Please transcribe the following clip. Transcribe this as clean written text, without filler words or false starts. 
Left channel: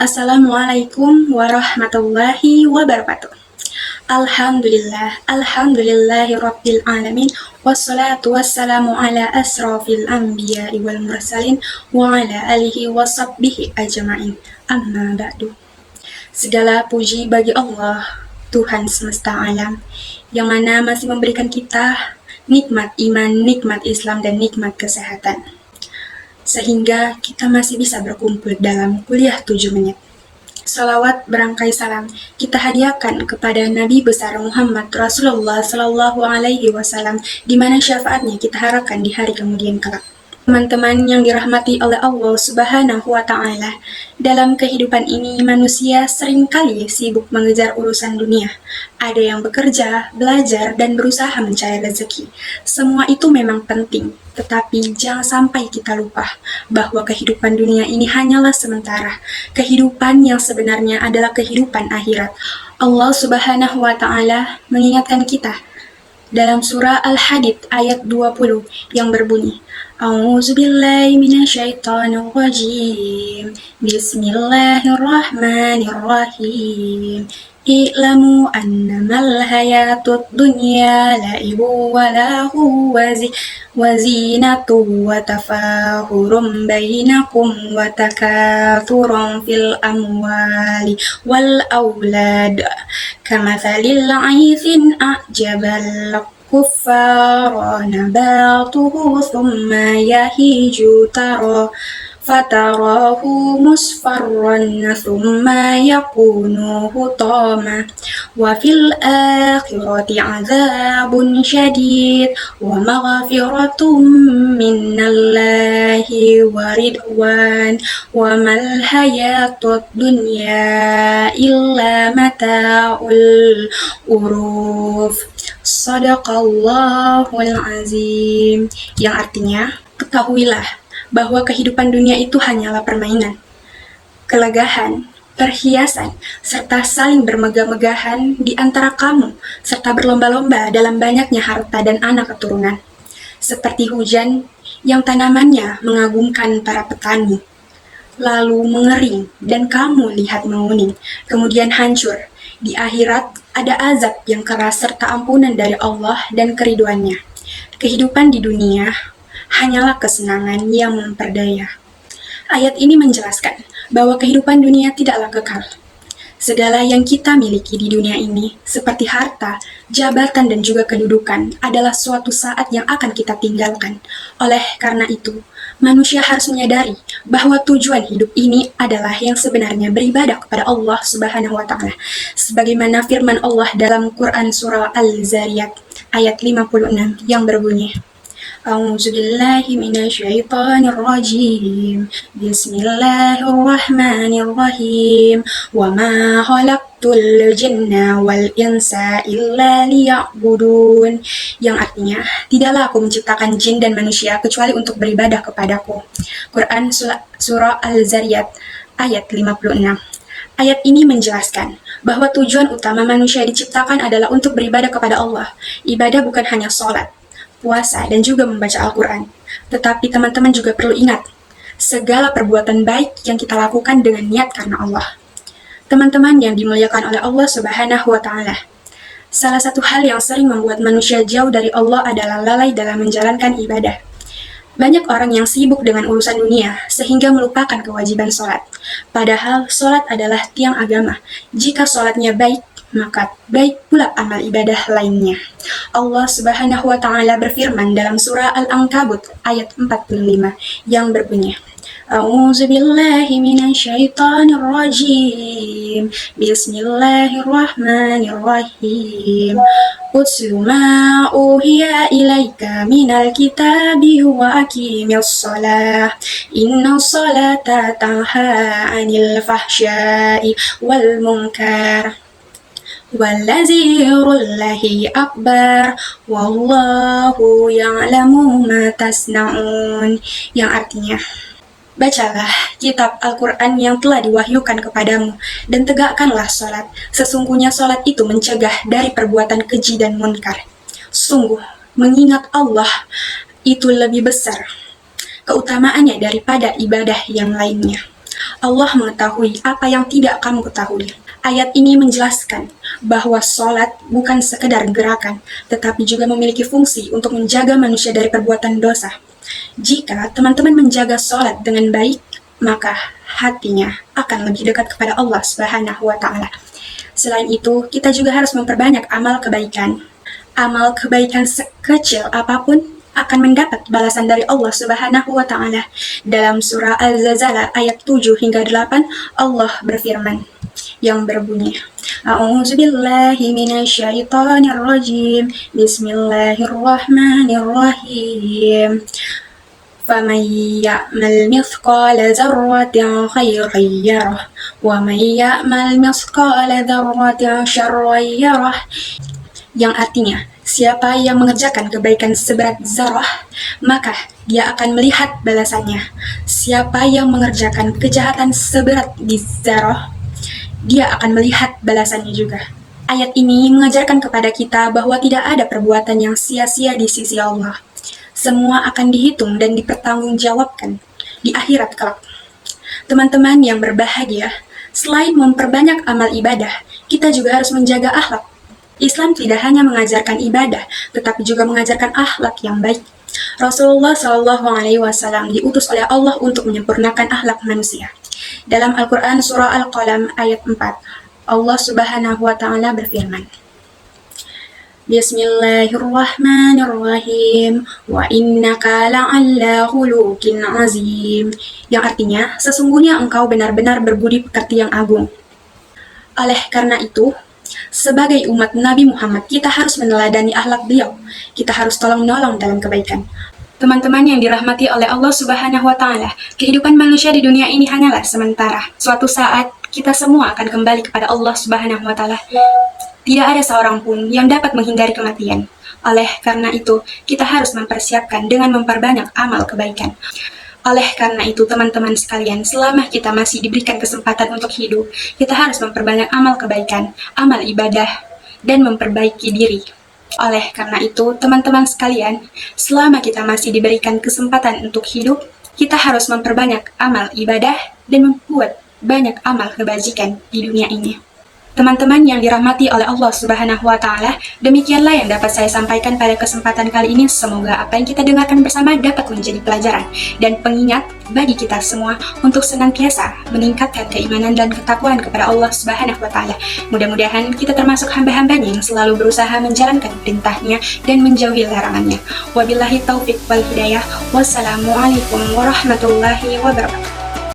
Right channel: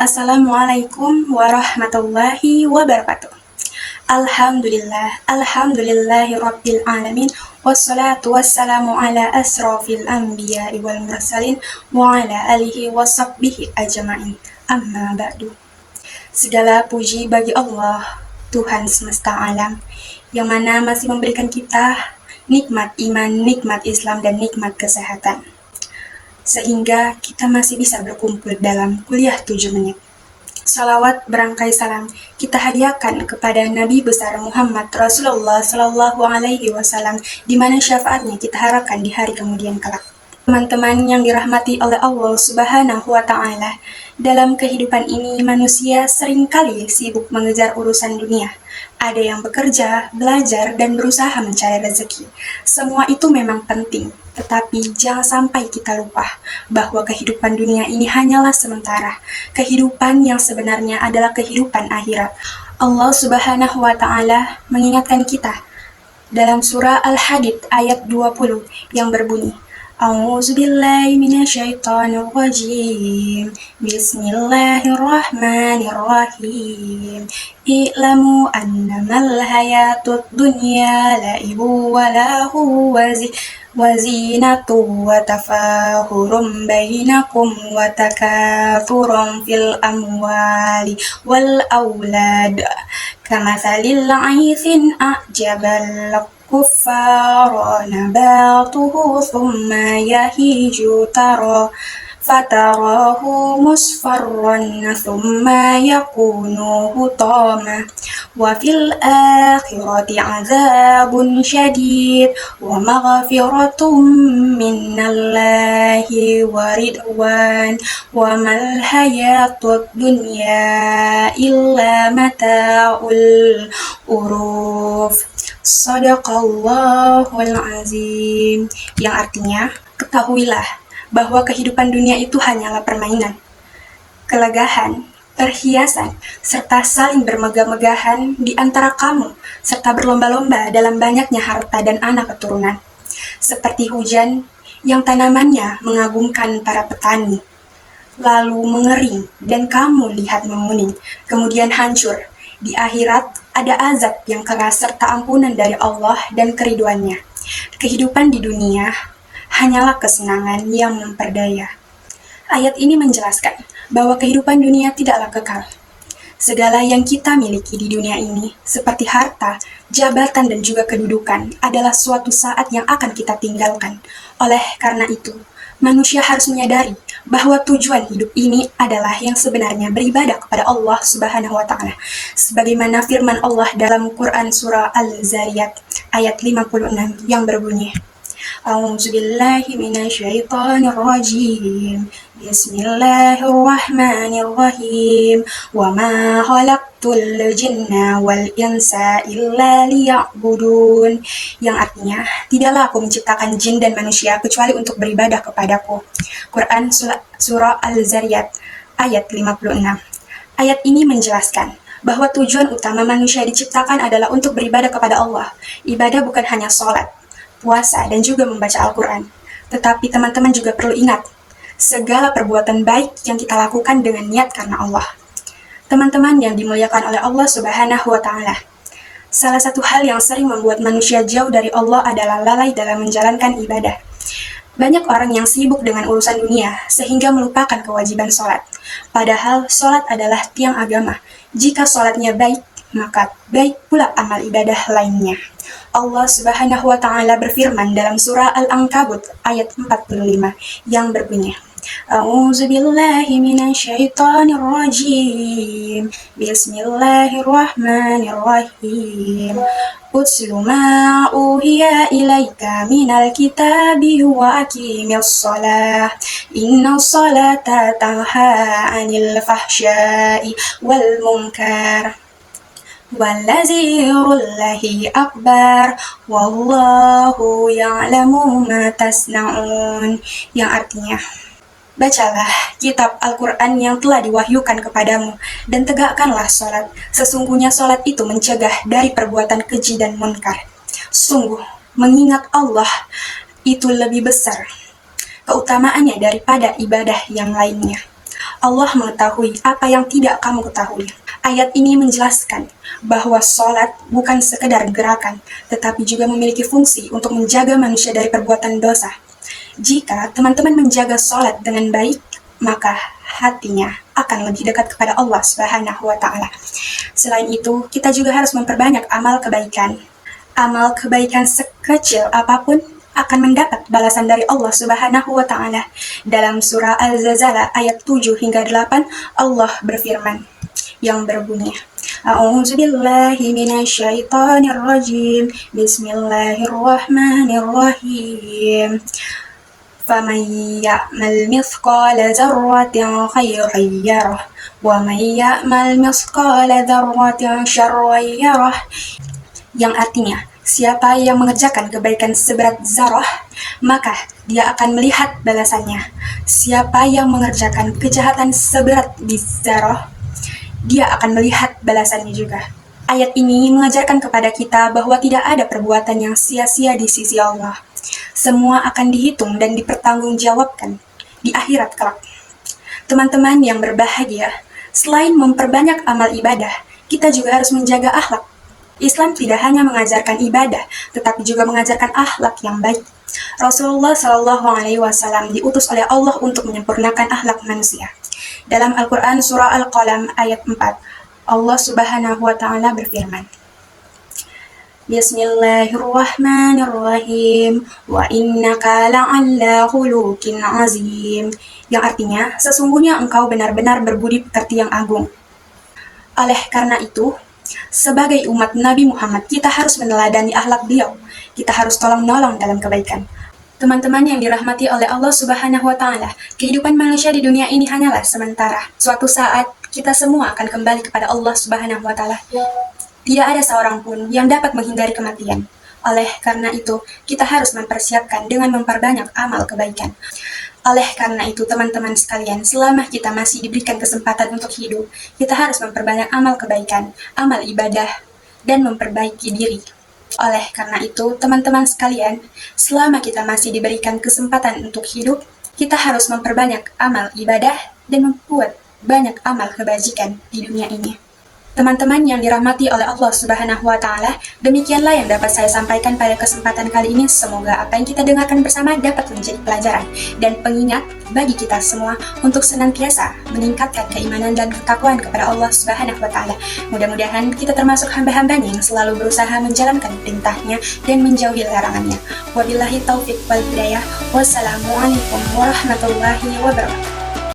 Assalamualaikum warahmatullahi wabarakatuh. Alhamdulillahi rabbil alamin, wassalatu wassalamu ala asrafil anbiya'i wal mursalin, wa ala alihi wa sahbihi ajma'in. Amma ba'du. Segala puji bagi Allah, Tuhan semesta alam, yang mana masih memberikan kita nikmat iman, nikmat Islam, dan nikmat kesehatan, sehingga kita masih bisa berkumpul dalam kuliah 7 menit. Salawat berangkai salam kita hadiahkan kepada Nabi besar Muhammad Rasulullah Sallallahu Alaihi Wasallam, di mana syafaatnya kita harapkan di hari kemudian kelak. Teman-teman yang dirahmati oleh Allah Subhanahu wa Ta'ala, dalam kehidupan ini manusia seringkali sibuk mengejar urusan dunia. Ada yang bekerja, belajar, dan berusaha mencari rezeki. Semua itu memang penting, tetapi jangan sampai kita lupa bahwa kehidupan dunia ini hanyalah sementara. Kehidupan yang sebenarnya adalah kehidupan akhirat. Allah Subhanahu wa Ta'ala mengingatkan kita dalam surah Al-Hadid ayat 20 yang berbunyi, A'udzubillahi minasyaitonirrajim. Bismillahirrahmanirrahim. I'lamu annamal hayatud dunya la'ibu wa lahu wa zinatu wa tafahurum bainakum wa takathurun fil amwali wal aulad kamathalil 'aithin a'jabal kuffara nabatuhu thumma yahiju fatarahu musfarran thumma yakunu hutama wa fil akhirati azabun syadid wa maghfiratum minallahi wa ridwan wa mal hayatud dunya illa mata'ul uruf. Shadaqallahul azim, yang artinya, ketahuilah bahwa kehidupan dunia itu hanyalah permainan, kelegahan, perhiasan, serta saling bermegah-megahan di antara kamu, serta berlomba-lomba dalam banyaknya harta dan anak keturunan. Seperti hujan yang tanamannya mengagumkan para petani, lalu mengering dan kamu lihat menguning, kemudian hancur. Di akhirat ada azab yang keras serta ampunan dari Allah dan keriduannya. Kehidupan di dunia hanyalah kesenangan yang memperdaya. Ayat ini menjelaskan bahwa kehidupan dunia tidaklah kekal. Segala yang kita miliki di dunia ini, seperti harta, jabatan, dan juga kedudukan, adalah suatu saat yang akan kita tinggalkan. Oleh karena itu, manusia harus menyadari bahwa tujuan hidup ini adalah yang sebenarnya beribadah kepada Allah Subhanahu wa Ta'ala. Sebagaimana firman Allah dalam Quran surah Al-Zariyat ayat 56 yang berbunyi, A'udzubillahi minasyaitonirrajim. Bismillahirrahmanirrahim. Wa ma khalaqtul jinna wal insa illa liya'budun. Yang artinya, tidaklah aku menciptakan jin dan manusia kecuali untuk beribadah kepadaku. Quran surah Al-Zariyat ayat 56. Ayat ini menjelaskan bahwa tujuan utama manusia diciptakan adalah untuk beribadah kepada Allah. Ibadah bukan hanya sholat, puasa, dan juga membaca Al-Quran. Tetapi teman-teman juga perlu ingat, segala perbuatan baik yang kita lakukan dengan niat karena Allah. Teman-teman yang dimuliakan oleh Allah Subhanahu wa Ta'ala, salah satu hal yang sering membuat manusia jauh dari Allah adalah lalai dalam menjalankan ibadah. Banyak orang yang sibuk dengan urusan dunia sehingga melupakan kewajiban sholat. Padahal sholat adalah tiang agama. Jika sholatnya baik, maka baik pula amal ibadah lainnya. Allah Subhanahu wa Ta'ala berfirman dalam surah Al-Ankabut ayat 45 yang berbunyi, A'udzubillahi minasyaitonirrajim. Bismillahirrahmanirrahim. Utlu ma uhiya ilaika minal kitabi wa aqimis shalah. Innas salata tanha 'anil fahsya'i wal munkar. Wallazirullahi akbar wallahu ya'lamu ma tasna'un. Yang artinya, bacalah kitab Al-Quran yang telah diwahyukan kepadamu dan tegakkanlah sholat. Sesungguhnya sholat itu mencegah dari perbuatan keji dan munkar. Sungguh, mengingat Allah itu lebih besar keutamaannya daripada ibadah yang lainnya. Allah mengetahui apa yang tidak kamu ketahui. Ayat ini menjelaskan bahwa sholat bukan sekedar gerakan, tetapi juga memiliki fungsi untuk menjaga manusia dari perbuatan dosa. Jika teman-teman menjaga sholat dengan baik, maka hatinya akan lebih dekat kepada Allah Subhanahu wa Ta'ala. Selain itu, kita juga harus memperbanyak amal kebaikan. Amal kebaikan sekecil apapun akan mendapat balasan dari Allah Subhanahu wa Ta'ala. Dalam surah Al-Zalzalah ayat 7 hingga 8, Allah berfirman yang berbunyi, A'udzubillahi minasyaitonirrajim. Bismillahirrahmanirrahim. فَمَنْ يَعْمَلْ مِثْقَالَ ذَرَّةٍ خَيْرًا يَرَهُ وَمَنْ يَعْمَلْ مِثْقَالَ ذَرَّةٍ شَرًّا يَرَهُ. Yang artinya, siapa yang mengerjakan kebaikan seberat zarah, maka dia akan melihat balasannya. Siapa yang mengerjakan kejahatan seberat zarah, dia akan melihat balasannya juga. Ayat ini mengajarkan kepada kita bahwa tidak ada perbuatan yang sia-sia di sisi Allah. Semua akan dihitung dan dipertanggungjawabkan di akhirat kelak. Teman-teman yang berbahagia, selain memperbanyak amal ibadah, kita juga harus menjaga akhlak. Islam tidak hanya mengajarkan ibadah, tetapi juga mengajarkan akhlak yang baik. Rasulullah SAW diutus oleh Allah untuk menyempurnakan akhlak manusia. Dalam Al-Quran surah Al-Qalam ayat 4, Allah Subhanahu wa Ta'ala berfirman, Bismillahirrahmanirrahim, wa innaka la'alla khuluqin azim. Yang artinya, sesungguhnya engkau benar-benar berbudi pekerti yang agung. Oleh karena itu, sebagai umat Nabi Muhammad, kita harus meneladani akhlak beliau. Kita harus tolong-menolong dalam kebaikan. Teman-teman yang dirahmati oleh Allah Subhanahu wa Ta'ala, kehidupan manusia di dunia ini hanyalah sementara. Suatu saat, kita semua akan kembali kepada Allah Subhanahu wa Ta'ala. Tidak ada seorang pun yang dapat menghindari kematian. Oleh karena itu, kita harus mempersiapkan dengan memperbanyak amal kebaikan. Oleh karena itu, teman-teman sekalian, selama kita masih diberikan kesempatan untuk hidup, kita harus memperbanyak amal kebaikan, amal ibadah, dan memperbaiki diri. Oleh karena itu, teman-teman sekalian, selama kita masih diberikan kesempatan untuk hidup, kita harus memperbanyak amal ibadah dan membuat banyak amal kebajikan di dunia ini. Teman-teman yang dirahmati oleh Allah Subhanahu wa Ta'ala, demikianlah yang dapat saya sampaikan pada kesempatan kali ini. Semoga apa yang kita dengarkan bersama dapat menjadi pelajaran dan pengingat bagi kita semua untuk senantiasa meningkatkan keimanan dan ketakwaan kepada Allah Subhanahu wa Ta'ala. Mudah-mudahan kita termasuk hamba-hambanya yang selalu berusaha menjalankan perintahnya dan menjauhi larangannya. Wabillahi taufiq wal hidayah. Wassalamualaikum warahmatullahi wabarakatuh.